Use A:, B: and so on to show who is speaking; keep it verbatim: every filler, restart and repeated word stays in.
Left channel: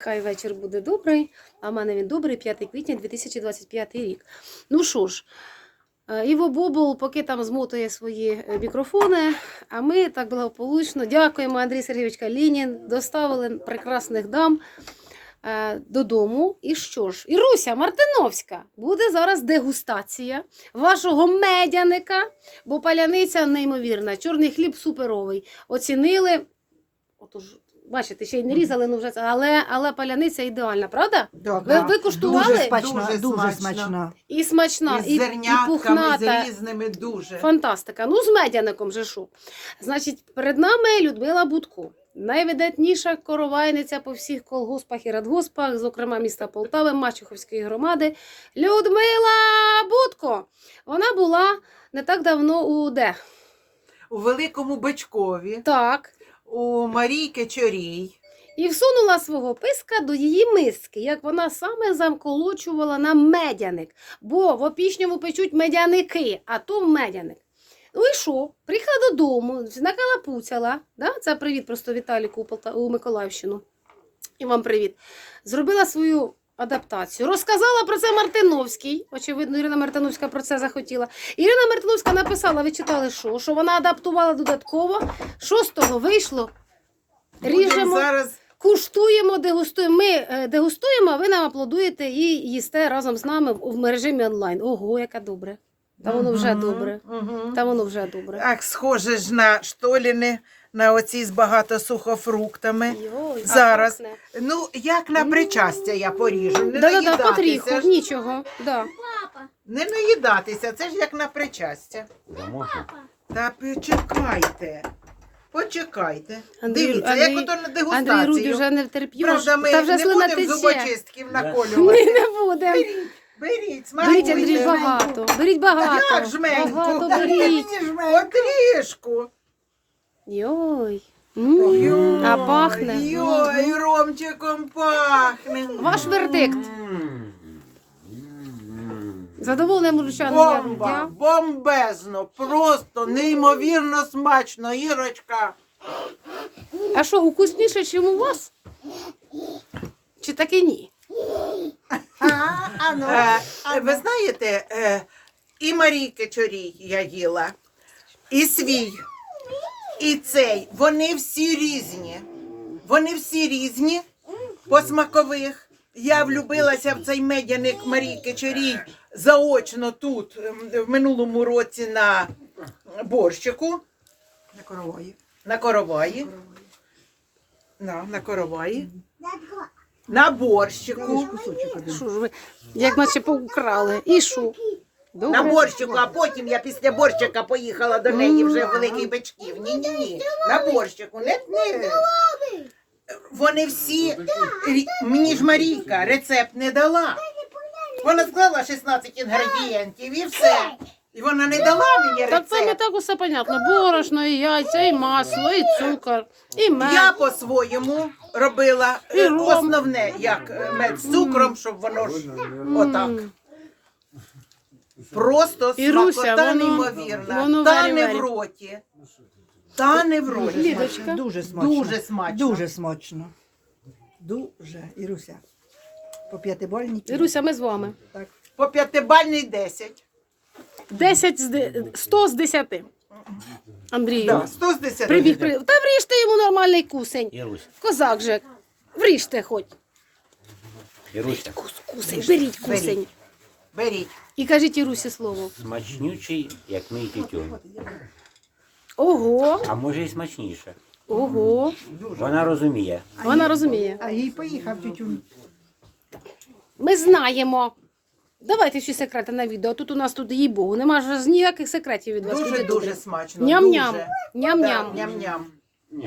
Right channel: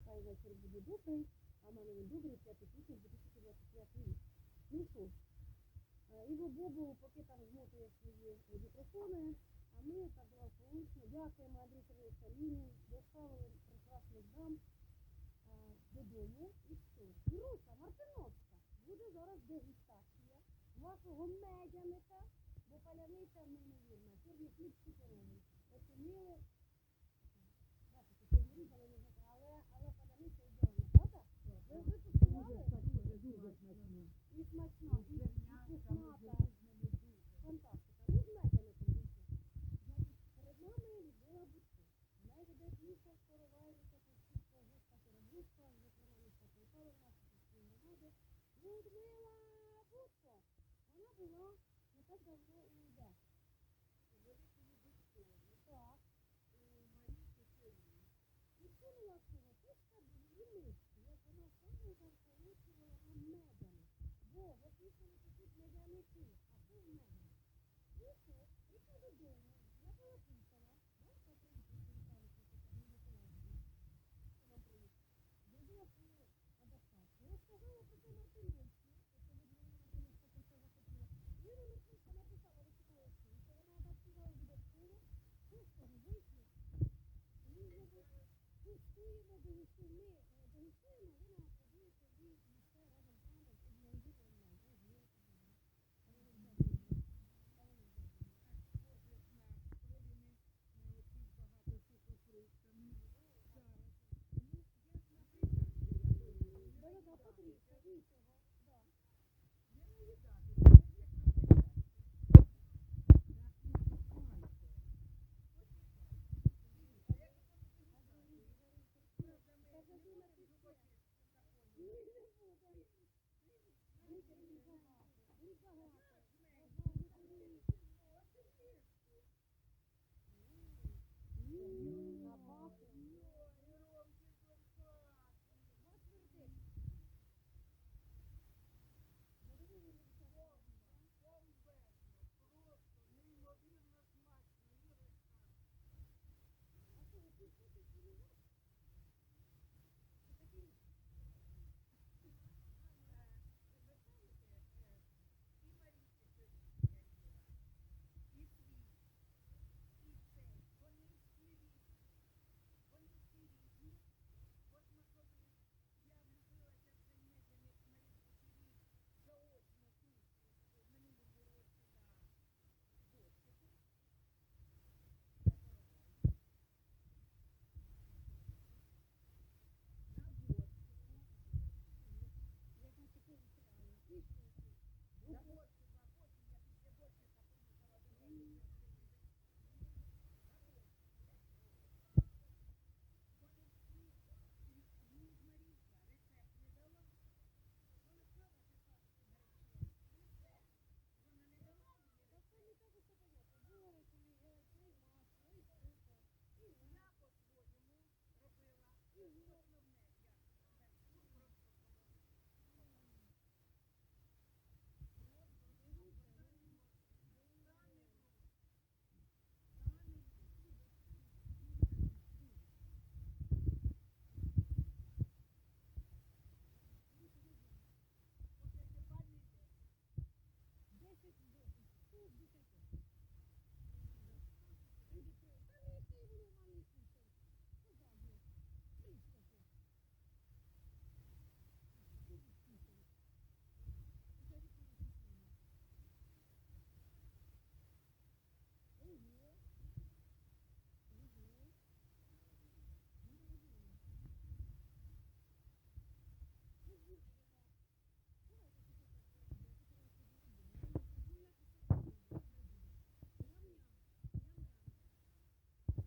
A: Хай вечір буде добрий, а в мене він добрий, п'яте квітня дві тисячі двадцять п'ятий рік. Ну що ж, Іво Бобул поки там змотує свої мікрофони, а ми так благополучно дякуємо Андрій Сергійович Калінін, доставили прекрасних дам е, додому. І що ж, Іруся Мартиновська, буде зараз дегустація вашого медяника, бо паляниця неймовірна, чорний хліб суперовий. Оцінили, отож, бачите, ще й не різали, ну вже це, але, але паляниця ідеальна, правда?
B: Да,
A: Ви, ви куштували?
B: Дуже смачна,
C: Дуже
B: дуже,
C: смачна.
B: смачна.
A: І смачна,
C: Із
A: і, і
C: зернятками,
A: пухната.
C: з різними дуже.
A: Фантастика. Ну, з медяником же що. Значить, перед нами Людмила Будко. Найвидатніша коровайниця по всіх колгоспах і радгоспах, зокрема міста Полтави, Мачуховської громади. Людмила Будко. Вона була не так давно у де?
C: У Великому Бичкові,
A: Так.
C: у Марійки Чорій.
A: І всунула свого писка до її миски, як вона саме замколочувала на медяник. Бо в Опішньому печуть медяники, а то медяник. Ну і що? Приїхала додому, накалапуцяла. Да? Це привіт просто Віталіку у, Полта... у Миколаївщину. І вам привіт. Зробила свою адаптацію. Розказала про це Мартиновський. Очевидно, Ірина Мартиновська про це захотіла. Ірина Мартиновська написала, ви читали що? Що вона адаптувала додатково. Шостого вийшло. Ріжемо.
C: Будемо зараз
A: Куштуємо, дегустуємо. Ми е, дегустуємо, а ви нам аплодуєте і їсте разом з нами в, в режимі онлайн. Ого, яке добре. Та воно вже
C: Мгм,
A: добре.
C: мгм.
A: Та воно вже добре.
C: Так, схоже ж на штоліни, на оці з багато сухофруктами.
A: Йой, а
C: Зараз.
A: пахне.
C: Ну, як на причастя я поріжу. Не
A: Да-да-да,
C: наїдатися
A: потріху,
C: ж.
A: нічого. Да.
C: Не наїдатися, це ж як на причастя. Та почекайте. Почекайте.
A: Андрій-
C: Дивіться,
A: Андрій-
C: як ото на
A: Андрій
C: дегустацію.
A: Руді вже не втерп'єш.
C: Правда, ми
A: Та вже
C: не
A: слина
C: будемо
A: тече.
C: зубочистків
A: Ми
C: наколювати.
A: не будемо.
C: Беріть,
A: Беріть,
C: смакуйте.
A: Андрій, багато. Беріть багато.
C: Як жменьку?
A: Багато
C: Та
A: беріть.
C: мені жменьку. Отрішку.
A: Йой. М,
C: Йой,
A: А пахне.
C: Йой, ромчиком пахне.
A: Ваш вердикт. Задоволене мужчина.
C: Бомба, бомбезно, просто неймовірно смачно, Ірочка.
A: А що, укусніше, ніж у вас? Чи таки ні?
C: Е, ви знаєте, е, і Марійки Чорій я їла, і свій, і цей, вони всі різні. Вони всі різні по смакових. Я влюбилася в цей медяник Марійки Чорій заочно тут, ем, в минулому році на борщику.
B: На корової.
C: На короваї. На, на короваї. На борщику.
A: Що ж ви, як наче поукрали. І що? Добре.
C: На борщику, а потім я після борщика поїхала до неї вже в Великий Бичків. Ні-ні-ні, на борщику. Не, не. Вони всі, рі- мені ж Марійка рецепт не дала. Вона склала шістнадцять інгредієнтів і все. І вона не дала мені
A: Так це не
C: рецепт.
A: так усе понятно. Борошно, і яйця, і масло, і цукор, і мед.
C: Я по-своєму робила
A: І
C: е,
A: ром.
C: основне, як е, мед з цукром, щоб воно ж отак.
A: М.
C: Просто
A: Іруся,
C: смакота
A: воно-
C: неймовірна.
A: воно
C: Та не
A: варі-варі.
C: в роті. Та не в роті.
A: Лідочка.
B: Дуже смачно.
C: Дуже смачно.
B: Дуже смачно. Дуже. Іруся. По п'ятибальній.
A: Іруся, ми з вами.
B: Так.
C: По п'ятибальний десять.
A: десять з де- сто з десяти. Андрію.
C: Да, сто з десяти.
A: Прибіг, прибіг. Та вріжте йому нормальний кусень.
D: Ірусь,
A: Козак же. Вріжте хоч.
D: Іруся,
A: Кус, кусень, беріть кусень.
C: Беріть.
A: І кажіть Ірусі слово.
D: смачнючий, як мій тютюн.
A: Ого,
D: А може і смачніше.
A: ого.
D: Вона розуміє.
A: Вона розуміє.
B: А їй поїхав тютюн.
A: Ми знаємо. Давайте всі секрети на відео. Тут у нас тут, їй Богу, нема ж ніяких секретів від вас. люди
C: Дуже-дуже
A: добрі.
C: смачно.
A: Ням-ням.
C: Дуже.
A: Ням-ням.
C: Да, ням-ням.